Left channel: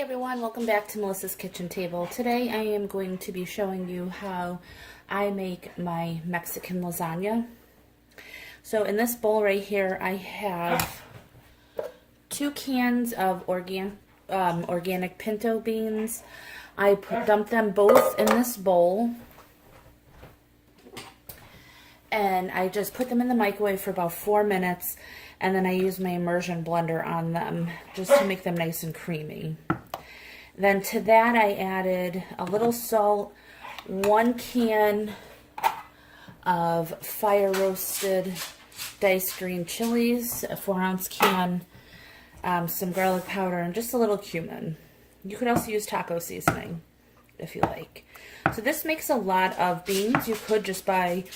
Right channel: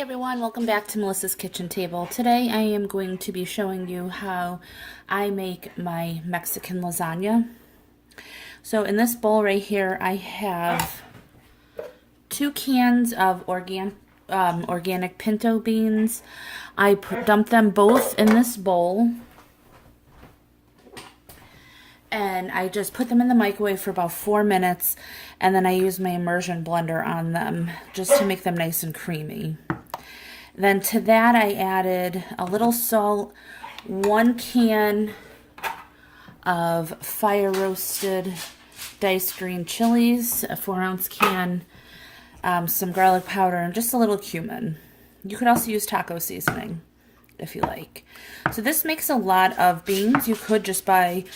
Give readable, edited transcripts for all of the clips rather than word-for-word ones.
Everyone, welcome back to Melissa's Kitchen Table. Today I am going to be showing you how I make my Mexican lasagna. So in this bowl right here I have 2 cans of organic pinto beans. I dumped them both in this bowl and I just put them in the microwave for about 4 minutes, and then I use my immersion blender on them just to make them nice and creamy. Then to that I added a little salt, 1 can of fire roasted diced green chilies, a 4-ounce can, some garlic powder, and just a little cumin. You could also use taco seasoning if you like. So this makes a lot of beans. You could just buy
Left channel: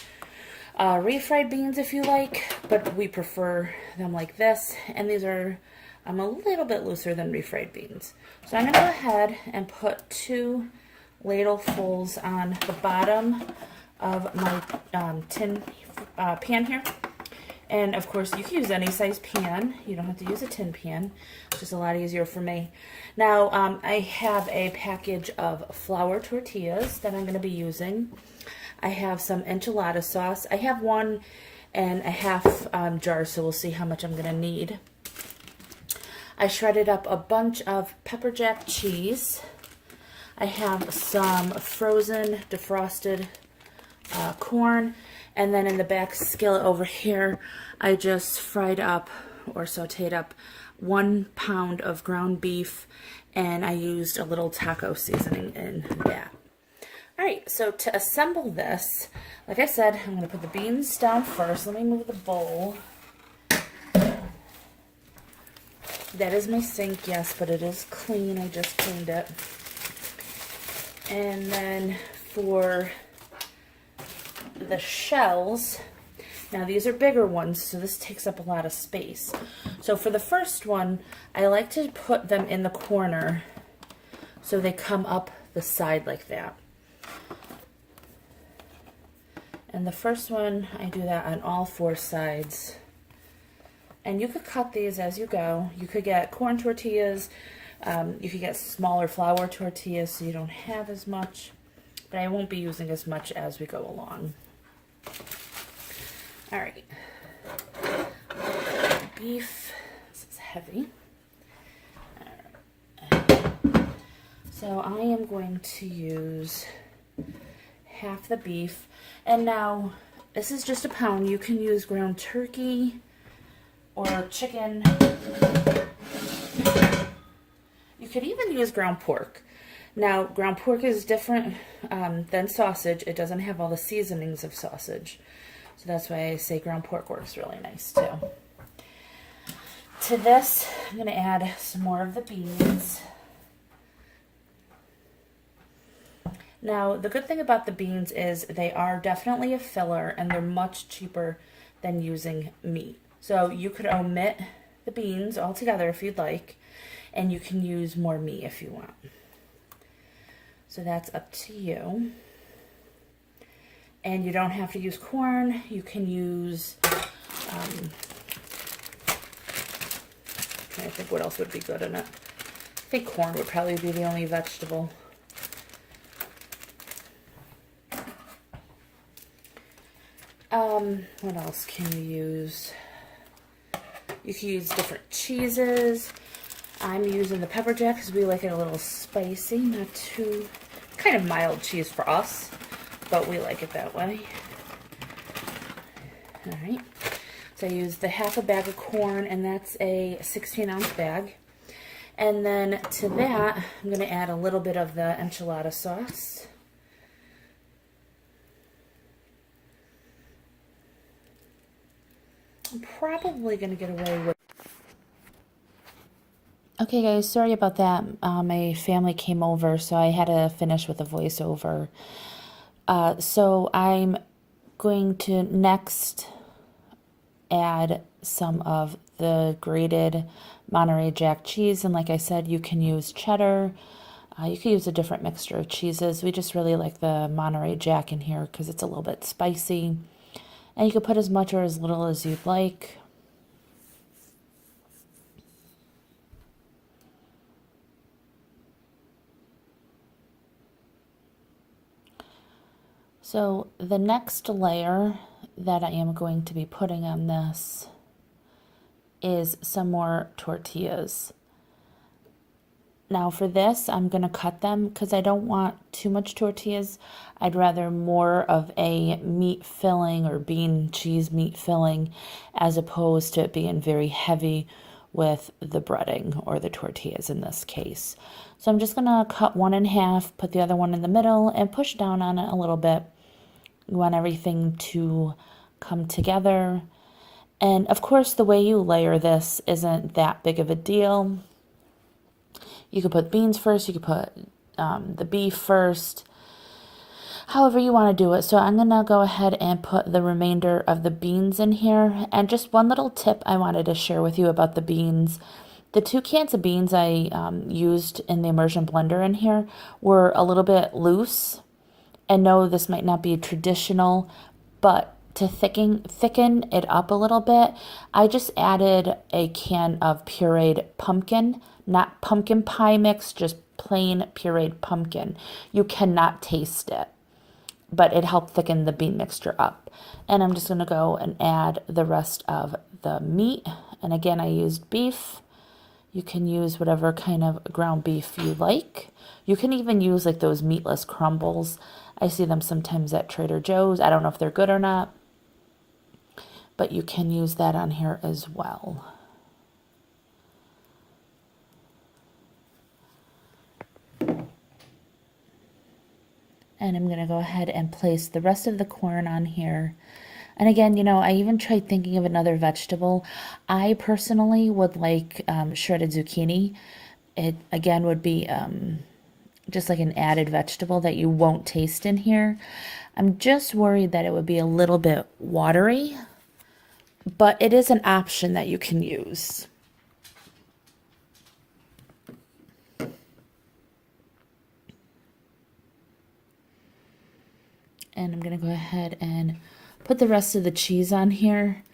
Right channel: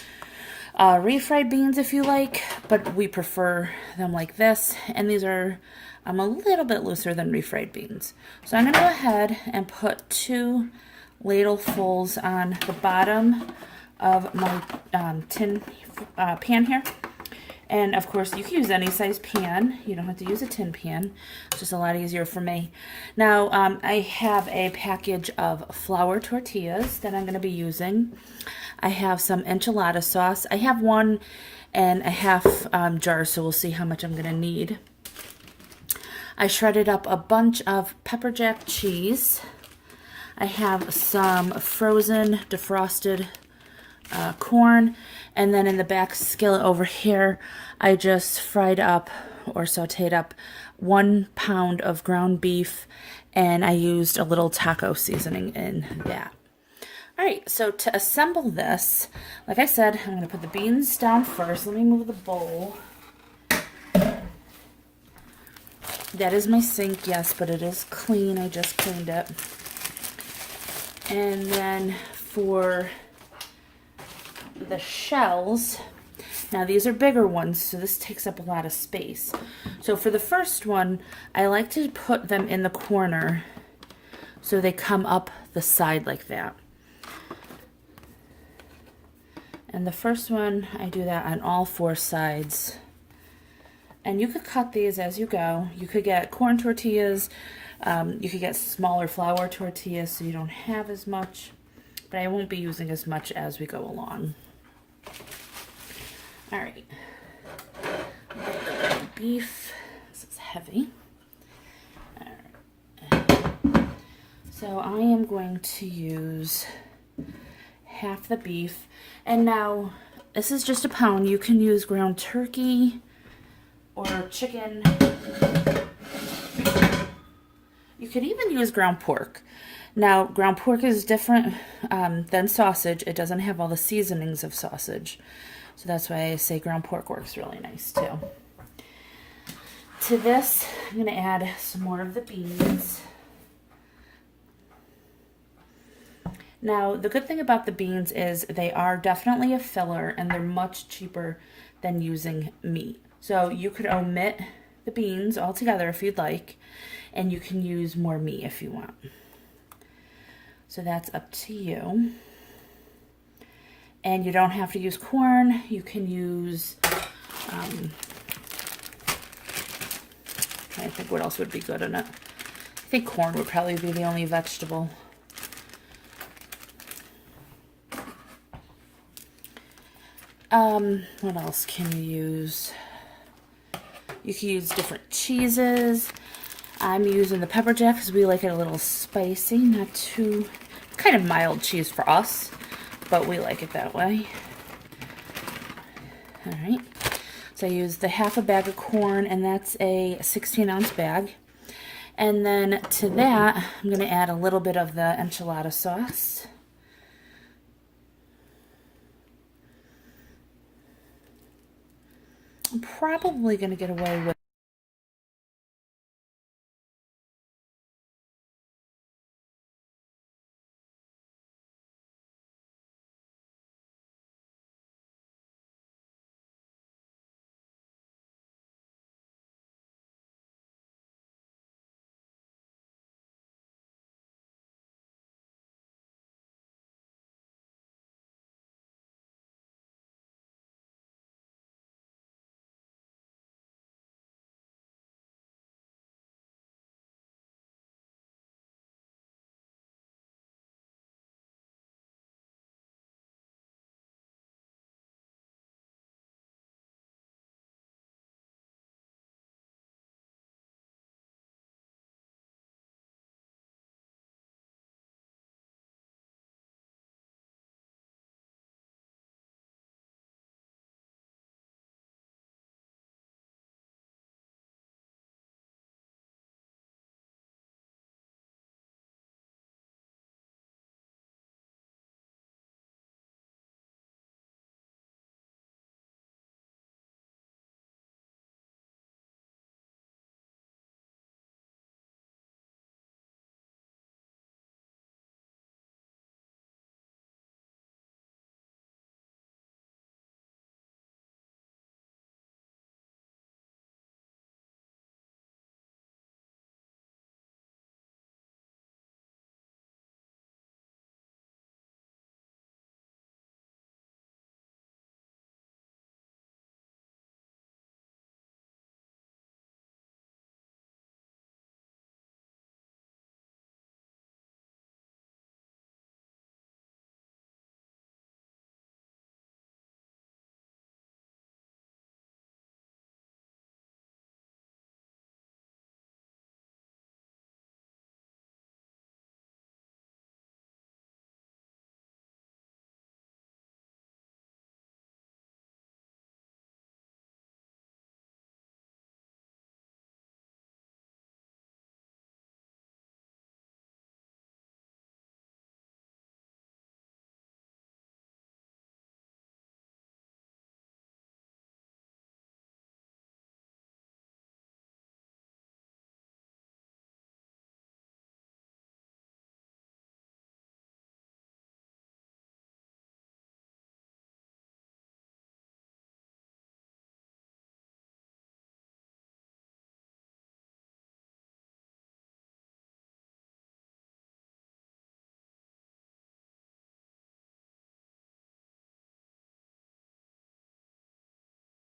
refried beans if you like, but we prefer them like this, and these are a little bit looser than refried beans. So I'm going to go ahead and put 2 ladlefuls on the bottom of my tin pan here. And of course you can use any size pan. You don't have to use a tin pan. It's just a lot easier for me. Now I have a package of flour tortillas that I'm going to be using. I have some enchilada sauce. I have 1 1/2 jar, so we'll see how much I'm going to need. I shredded up a bunch of pepper jack cheese. I have some frozen defrosted corn, and then in the back skillet over here I just fried up or sauteed up 1 pound of ground beef, and I used a little taco seasoning in that. Alright, so to assemble this, like I said, I'm going to put the beans down first. Let me move the bowl. That is my sink, yes, but it is clean. I just cleaned it. And then for the shells, now these are bigger ones, so this takes up a lot of space. So for the first one, I like to put them in the corner so they come up the side like that. And the first one, I do that on all 4 sides. And you could cut these as you go. You could get corn tortillas. You could get smaller flour tortillas so you don't have as much. But I won't be using as much as we go along. Alright. Beef. This is heavy. Alright. So I am going to use half the beef. And now, this is just a pound. You can use ground turkey or chicken. You could even use ground pork. Now, ground pork is different than sausage. It doesn't have all the seasonings of sausage. So that's why I say ground pork works really nice too. To this, I'm going to add some more of the beans. Now, the good thing about the beans is they are definitely a filler, and they're much cheaper than using meat. So you could omit the beans altogether if you'd like, and you can use more meat if you want. So that's up to you. And you don't have to use corn. You can use, I'm trying to think what else would be good in it. I think corn would probably be the only vegetable. What else can you use? You can use different cheeses. I'm using the pepper jack because we like it a little spicy, not too, kind of mild cheese for us, but we like it that way. Alright, so I used the half a bag of corn, and that's a 16-ounce bag. And then to that, I'm going to add a little bit of the enchilada sauce. I'm probably going to get away with... Okay guys, sorry about that. My family came over, so I had to finish with a voiceover. So I'm going to next add some of the grated Monterey Jack cheese. And like I said, you can use cheddar. You can use a different mixture of cheeses. We just really like the Monterey Jack in here because it's a little bit spicy. And you can put as much or as little as you'd like. So the next layer that I am going to be putting on this is some more tortillas. Now for this, I'm going to cut them because I don't want too much tortillas. I'd rather more of a meat filling or bean cheese meat filling as opposed to it being very heavy with the breading or the tortillas in this case. So I'm just going to cut one in half, put the other one in the middle, and push down on it a little bit. You want everything to come together. And of course, the way you layer this isn't that big of a deal. You could put beans first, you could put the beef first, however you want to do it. So I'm going to go ahead and put the remainder of the beans in here. And just one little tip I wanted to share with you about the beans. The 2 cans of beans I used in the immersion blender in here were a little bit loose. And no, this might not be traditional, but to thicken it up a little bit, I just added a can of pureed pumpkin, not pumpkin pie mix, just plain pureed pumpkin. You cannot taste it, but it helped thicken the bean mixture up. And I'm just going to go and add the rest of the meat. And again, I used beef. You can use whatever kind of ground beef you like. You can even use like those meatless crumbles. I see them sometimes at Trader Joe's. I don't know if they're good or not, but you can use that on here as well. And I'm going to go ahead and place the rest of the corn on here. And again, you know, I even tried thinking of another vegetable. I personally would like shredded zucchini. It, again, would be just like an added vegetable that you won't taste in here. I'm just worried that it would be a little bit watery, but it is an option that you can use. And I'm going to go ahead and put the rest of the cheese on here.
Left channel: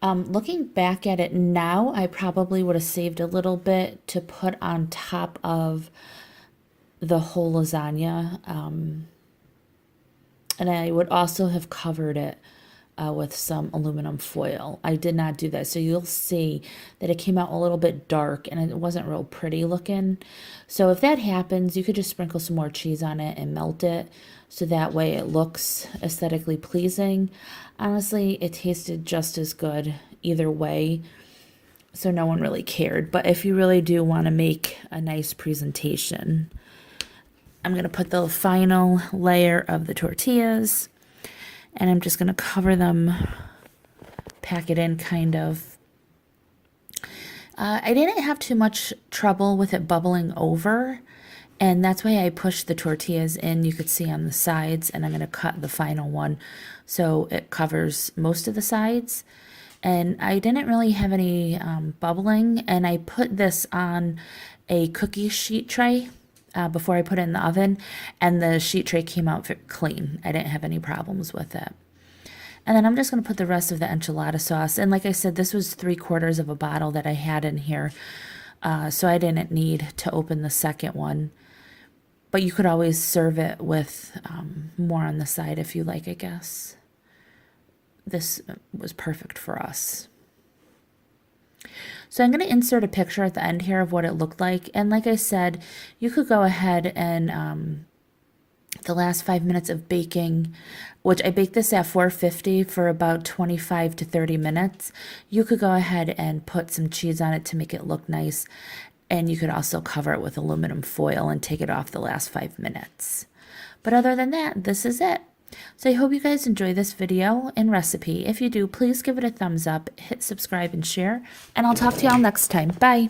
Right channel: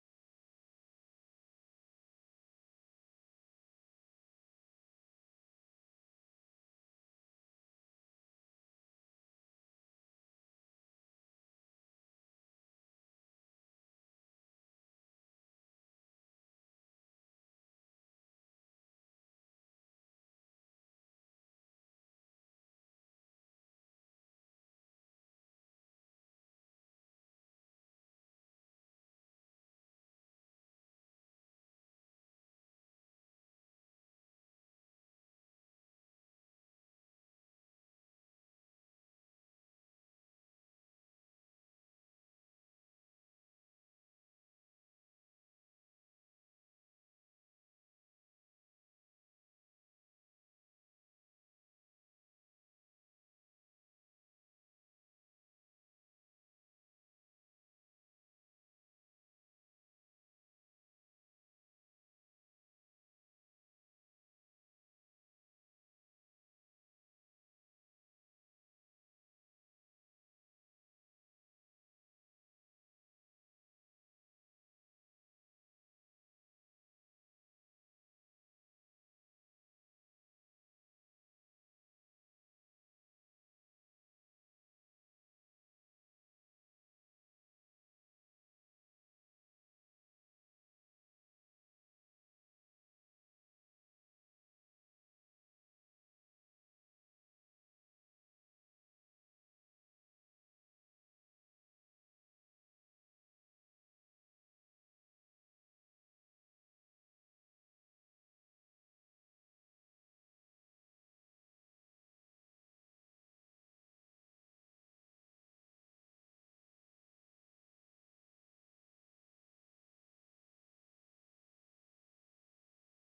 Looking back at it now, I probably would have saved a little bit to put on top of the whole lasagna. And I would also have covered it with some aluminum foil. I did not do that. So you'll see that it came out a little bit dark and it wasn't real pretty looking. So if that happens, you could just sprinkle some more cheese on it and melt it. So that way it looks aesthetically pleasing. Honestly, it tasted just as good either way. So no one really cared. But if you really do want to make a nice presentation, I'm going to put the final layer of the tortillas. And I'm just going to cover them, pack it in kind of. I didn't have too much trouble with it bubbling over. And that's why I pushed the tortillas in, you could see on the sides, and I'm going to cut the final one so it covers most of the sides. And I didn't really have any bubbling, and I put this on a cookie sheet tray before I put it in the oven, and the sheet tray came out clean. I didn't have any problems with it. And then I'm just going to put the rest of the enchilada sauce, and like I said, this was 3/4 of a bottle that I had in here, so I didn't need to open the second one. But you could always serve it with more on the side if you like, I guess. This was perfect for us. So I'm going to insert a picture at the end here of what it looked like. And like I said, you could go ahead and the last 5 minutes of baking, which I baked this at 450 for about 25 to 30 minutes. You could go ahead and put some cheese on it to make it look nice. And you could also cover it with aluminum foil and take it off the last 5 minutes. But other than that, this is it. So I hope you guys enjoy this video and recipe. If you do, please give it a thumbs up, hit subscribe and share, and I'll talk to y'all next time. Bye.